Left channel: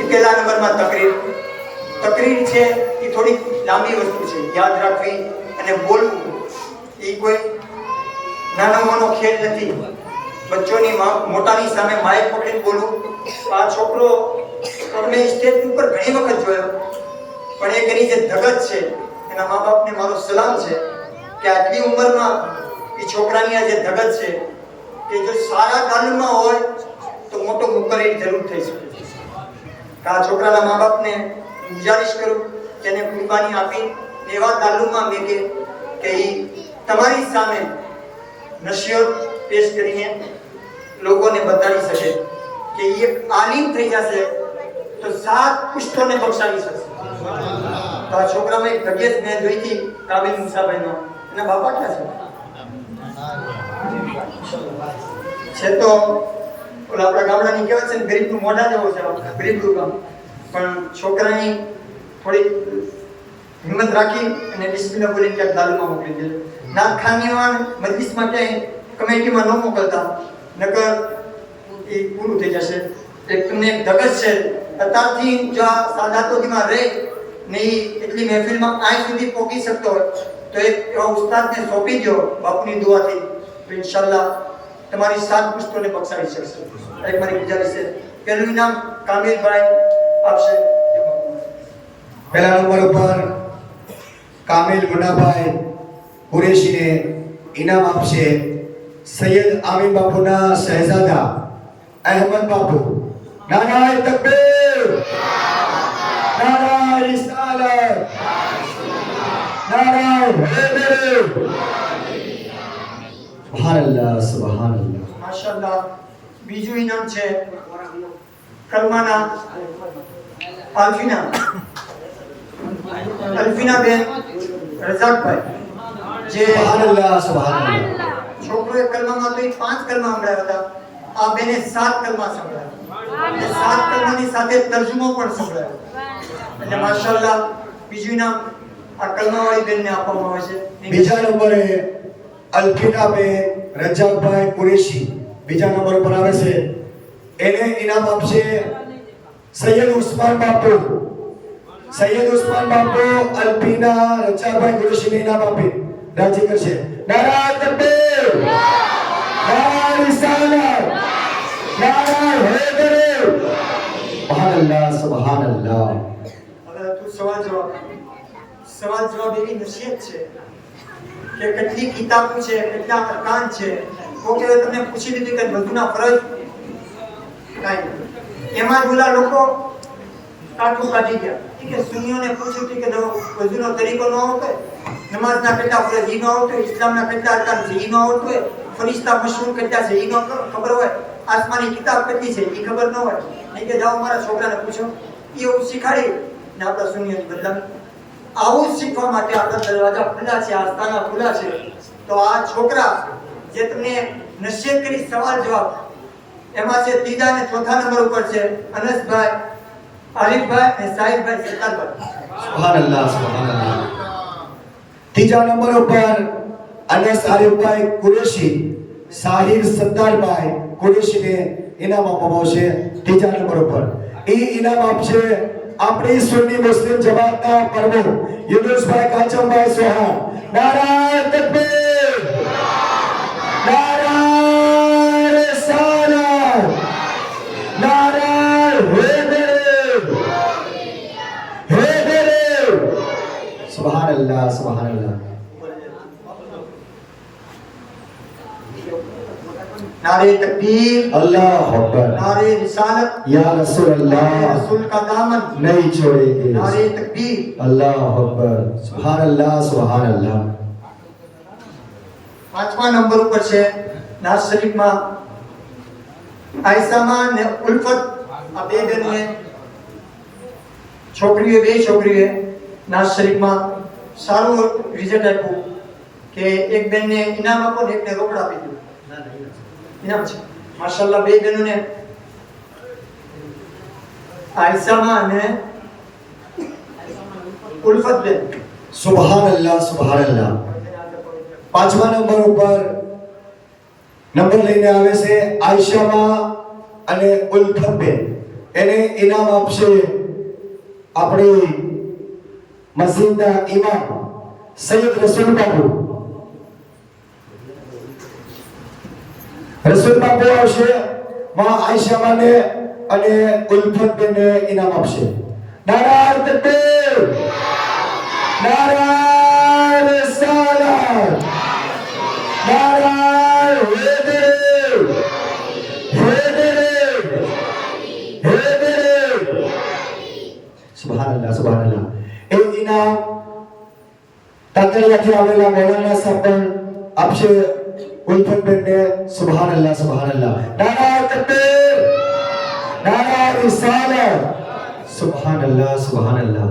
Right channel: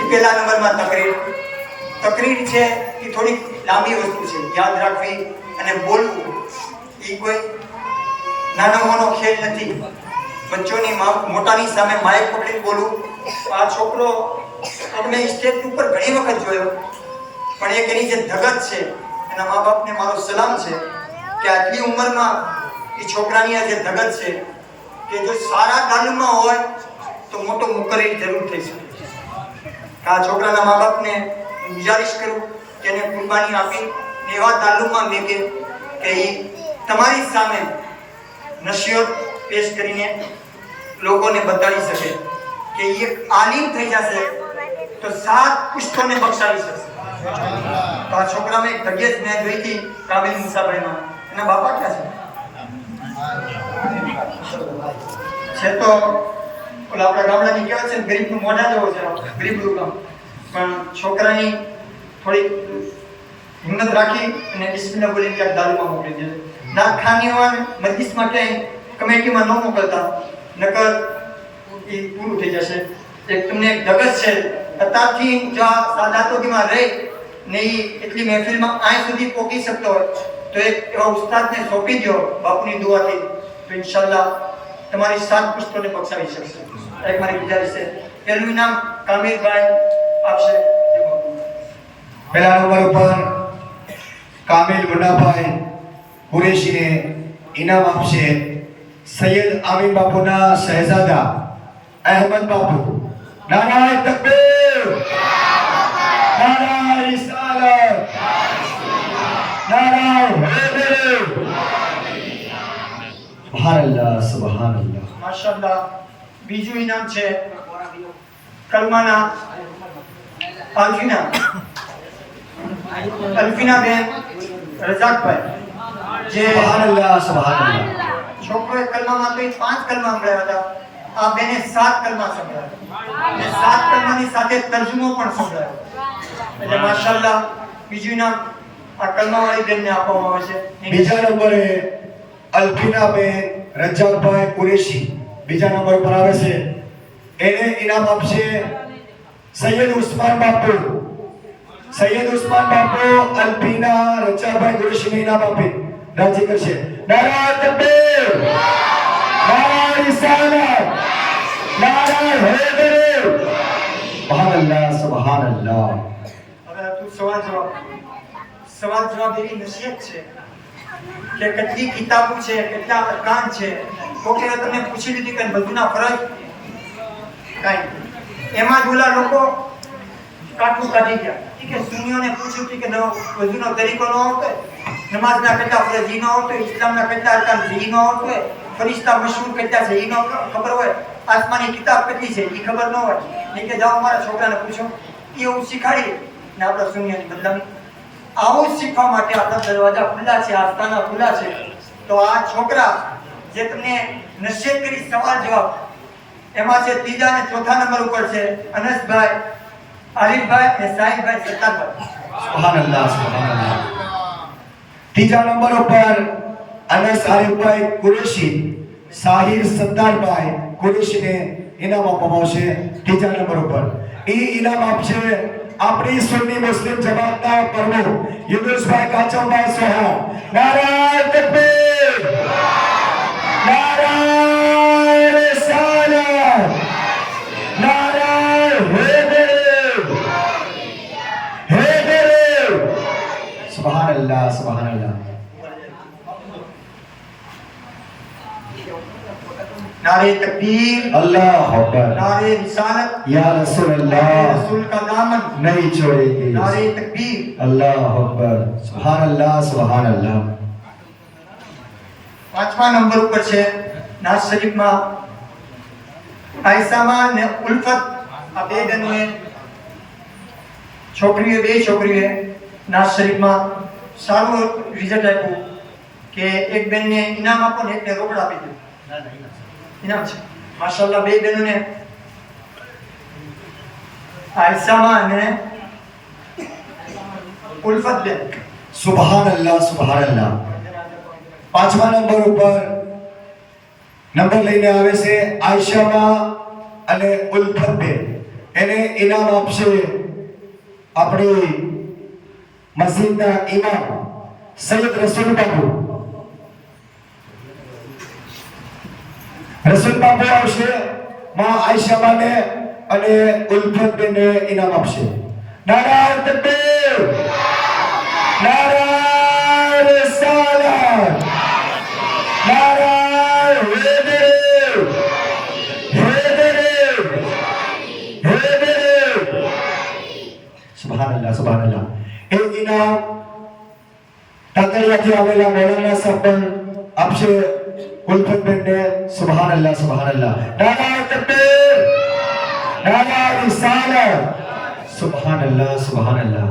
એ પહેલા નંબરમાં તકરીર. તકરીર છે એ થોડી લાંબી વસ્તુ છે, યાદ રાખવી અને બોલવું એ કોઈ નાનો મોનો ખેલ નથી. બચ્ચોની મોટાની સામે માઇક પકડીને બોલવું. આ છોકરો અમે સ્ટેજ ઉપર ઘણી વખત જોયો, પણ એક એની જે ધગત છે, એના મા બાપને મારો સલામ છે કે આટલી ઉંમરમાં એ છોકરાની આ જે ધગત છે કે જો સારા તાલીમમાં હોય તો મોટો મુકરી જરૂર થઈ શકે. આ છોકરાના મા બાપને ગુજારિશ કરું કે એને કુરબાની આપી એવા તાલુમમાં મેકે કે એ તમારી સામે નસીહત પેશ કરીને લોકોને બતાડી શકે કે એ આલિમ થઈ જશે તો 7 પુશ્તોને બક્ષાવી શકશે. તો આ છોકરામાં એક તબિયત મેં જોઈ હતી કાબિલ મુસાભાઈમાં. એના બાપા ક્યાં છે તો ઓલા આપણા ગામડાની કહેવાય છે ને, ગરીબનું મોઢા જેવો છે, ગરીબનું કામ. પણ છોકરાની થોડી હિંમત રાખી અને બિસ્મિલ્લાહ બોલીને ક્યાંક દારૂમાં મોકલી દે. નાખખાનીમાં મજલિસમાં ક્યાંય કમિટીમાં ન મોકલતા, નકર એ પૂરું થઈ જશે. એક તમને એક ધગસ છે અત્યારથી જો આ સાદાતોમાં રહી ને એ એટલી મહેફિલમાં આય સુધી પહોંચી શકતો હોય તો એક એવા ઉસ્તાદને સોંપી દો બાપુની દુઆથી, તો ઇન્શાલ્લાહ તમારી 7 પુશ્તોને બક્ષાવી શકશે. એક મારી ગુજારિશ છે. પહેલું ઇનામ કામિલભાઈ આપશે. પહેલા નંબર ઉપર કામિલ મુન્નાભાઈ કુરેશીને ઇનામ આપશે સૈયદ આમીન બાપુના શહેજાદા અહેમદ બાપુ. નારાયણ તકબીર, નારાયણ રિસાલત, નારાયણ હૈદર. સુબહાનલ્લાહ, સુબહાનલ્લાહ, માશાઅલ્લાહ. બીજું ઇનામ છે કલમાના અલ્ફીના બેન રઝાકભાઈ. જે સુબહાનલ્લાહ, સુબહાનલ્લાહ. છોકરોએ કલમામાં તો 5 કલમા સંભળાવ્યા હતા, આ બેને 7 કલમા સંભળાવ્યા અને 7 કલમાની સાથે તર્જુમો પણ સંભળાવ્યો. એટલે માશાઅલ્લાહ બીજું ઇનામ આ કલમાવાળી બેનને આપવામાં આવે છે. બીજા નંબરે અલ્ફીના બેન રજાકભાઈ કુરેશી બીજા નંબર પર આવે છે. એને ઇનામ આપશે સૈયદ ઉસ્માન બાપુ. સૈયદ ઉસ્માન બાપુ અલ્ફીના રજાકભાઈ કુરેશીને ઇનામ આપી રાજી કરશે. નારાયણ તકબીર, નારાયણ રિસાલત, નારાયણ હૈદર. સુબહાનલ્લાહ, સુબહાનલ્લાહ. હવે તું સવાલ જવાબ એવી નસીહત છે કે કેટલી કિતાબો છે, કેટલા અરકાન છે. કોકે તમને પૂછી લીધી કે બધુંના ફરજ કાંઈ એમાં જ ઓલા લોકો કાટું કાઢી ગયા કે સુન્નીઓને પૂછ્યું કે વજૂનો તરીકો ન આવતો, નમાઝના કેટલા ફરજ ઈ ન આવતો, ઇસ્લામના કેટલા અરકાન છે ઈ ન આવતો, ફરિશ્તા મશહૂર કેટલા છે ઈ ન ખબર હોય, આસમાની કિતાબ કેટલી છે ઈ ખબર ન હોય. એ કે જાઓ મારા છોકરાને પૂછો. એ એવું શીખાડી ને આપણા સુન્નીઓની બદલાવી. આવું શીખવા માટે આપણા દરવાજા ખુલ્લા છે, આસ્થાના ખુલ્લા છે. તો આ છોકરા જે તમને નસીહત કરી સવાલ જવાબ, એમાં છે ત્રીજા અને ચોથા નંબર ઉપર છે અનસભાઈ, આલિફભાઈ અને સાહિબભાઈ સત્તારભાઈ. સુબહાનલ્લાહ, સુબહાનલ્લાહ. ત્રીજા નંબર ઉપર અનસ આલિફભાઈ કુરેશી સાહિર સત્તારભાઈ કુરેશીને ઇનામ આપવામાં આવશે. ત્રીજા નંબર ઉપર એ ઇનામ આપશે આપણી સુન્ની મુસ્લિમ જમાતના પ્રમુખ યુનુસભાઈ કાચમભાઈ સોહાન. નારાયણ તકબીર, નારાયણ રિસાલત, નારાયણ હૈદર, હૈદર. સુબહાનલ્લાહ, સુબહાનલ્લાહ. नारे तकबीर, अल्लाह अकबर, नारे रिसालत, या रसूल अल्लाह, रसूल का दामन नहीं छोड़ेंगे. नारे तकबीर. अल्लाह अकबर. सुभान अल्लाह, सुभान अल्लाह. 5મા નંબર ઉપર છે નાઝ શરીફમાં આયસામાં ને ઉલ્ફત. આ બે બહેનોએ બે છોકરીઓએ નાઝ શરીફમાં સારું રિઝલ્ટ આપ્યું કે એક બેનને ઇનામ આપો ને એકને રોકડ આપી દીધું. ઇનામ છે માશાઅલ્લાહ. બે બહેનોને આયસામાં અને ઉલ્ફત બેન. सुभान अल्लाह, सुभान अल्लाह. 5મા નંબર ઉપર નંબર લઈને આવે છે આયશામાં અને ઉલ્ફત બેન. એને ઇનામ આપશે આપણી મસ્જિદના ઇમામ સૈયદ રસૂલ બાપુ. રસૂલ બાપુ આવશે, માં આયશા માને અને ઉલ્ફતને ઇનામ આપશે. નારાયણ તકબીર, નારાયણ રિસાલત, નારાયણ હૈદરી, હૈદરી, હૈદરી. સુબહાનલ્લાહ, સુબહાનલ્લાહ. એ ઇનામ તાકડીયાથી આવેલા મૌલાના સાહેબ પણ આપશે ઉલ્ફતને. સુબહાનલ્લાહ, સુબહાનલ્લાહ. નારાયણ તકબીર, નારાયણ રિસાલત. સુબહાનલ્લાહ, સુબહાનલ્લાહ.